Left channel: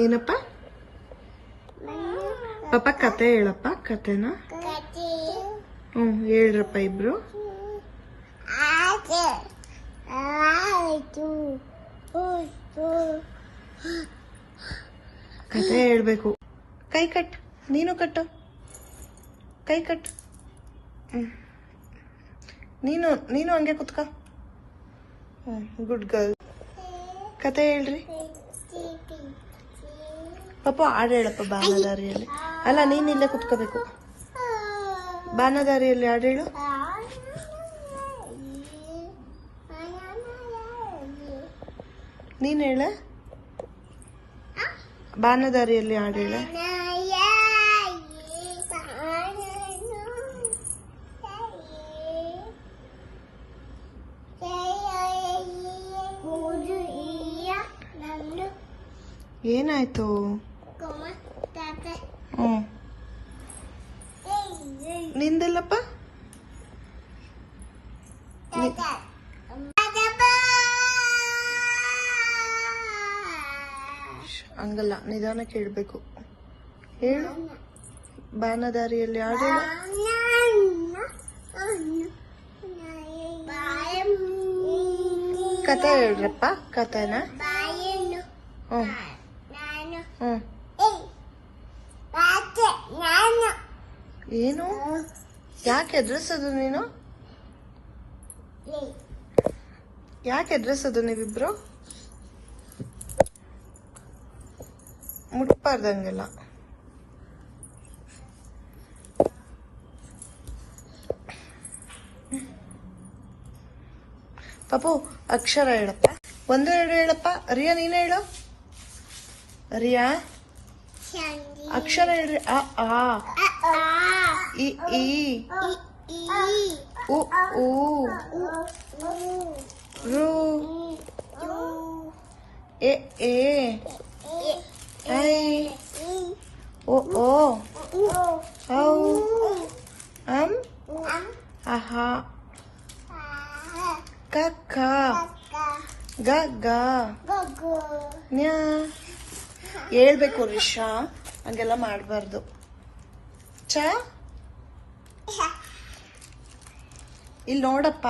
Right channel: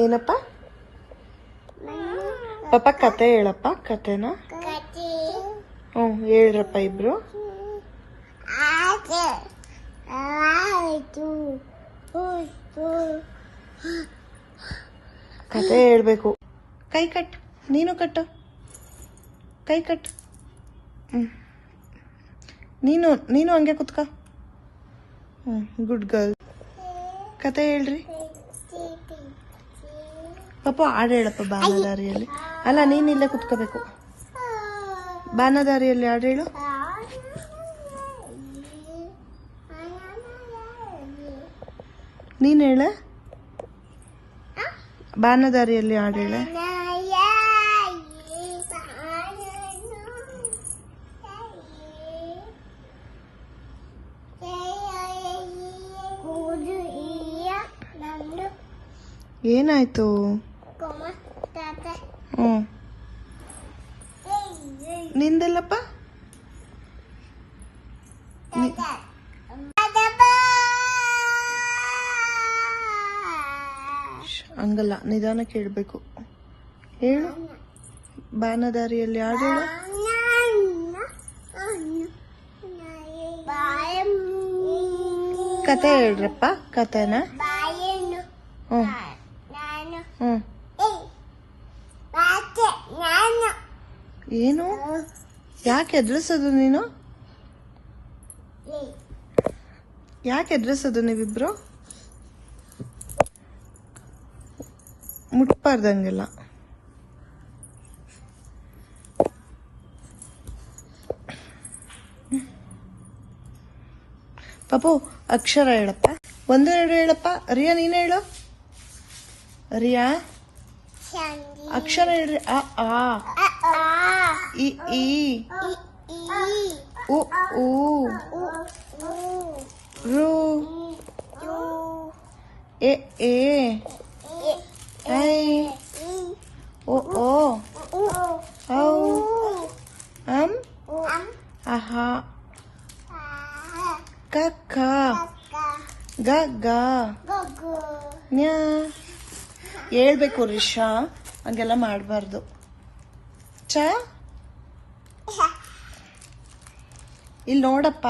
ಏನಪ್ಪ ಪಾಪ ಕತೆ ಹೇಳಪ್ಪ ಕತೆನ ಹೇಳ್ರಪ್ಪ ಇಬ್ರು ಕತೆ ಹೇಳ್ಬೇಕು ಕೈ ಕಟ್ ನೀನು ಕಟ್ಟು ಕೈ ಕಟ್ ನೀನು ಹಂಗೆ ಕುತ್ಕೋ ಗುಡ್ ಗರ್ಲ್ ಕತೆ ಹೇಳ್ರಿ ಪಾಪ ಹಾಡು ಹೇಳಪ್ಪ ಬಾನದಾರಿಯಲ್ಲಿ ಅಲ್ಲ ನೀನು ಇಲ್ಲೇ ಕುತ್ಕೋಬೇಕು ಬಾನದಾರಿಯಲ್ಲಿ ಹಾಡು ಹೇಳು ನೀನು ಹೇಳ ಬಾನದಾರಿಯಲ್ಲಿ ಹಾಡು ಹೇಳ ಏನಾಯ್ತು ನಿಂದಲ್ಲಪ್ಪ ಹಂಗಲ್ಲ ನಿಧಾನಕ್ಕೆ ಹೇಳ್ಬೇಕು ಹೇಳು ಬಾನದಾರಿಯಲ್ಲಿ ಹಾಡು ಕತೆ ಹೇಳ್ರಪ್ಪ ಕತೆನ ಏನು ಯಾಕೆ ಎದುರಿಸೋದು ನೀನು ಯಾಕೆ ಎದುರಿಸೋದು ನೀವಿಬ್ರು ಮುಟ್ಬಾರ್ದಂಗೆಲ್ಲ ಪಾಪು ಅಕ್ಷರ ಹೇಳಪ್ಪ 1 2 ಹೇಳಪ್ಪ ರಿಯಾ ನೀನು ಹೇಳು ರಿಯಾ ಅಕ್ಷರ ಹೇಳ್ರಿ ಅ ಆ ಇ ಈ ಉ ಊ ರು ಎ ಎ ಐ ಓ ಓ ಔ ಅಂ ಅಹ ಕ ಖ ಗ ಗ ನ್ಯ ಹೇಳ್ಬೇಕು ರಿಷಾ ಹಂಗೆಲ್ಲ ಮಾಡಬಾರ್ದು ಚ ಇಲ್ಲಿ ನೋಡಪ್ಪ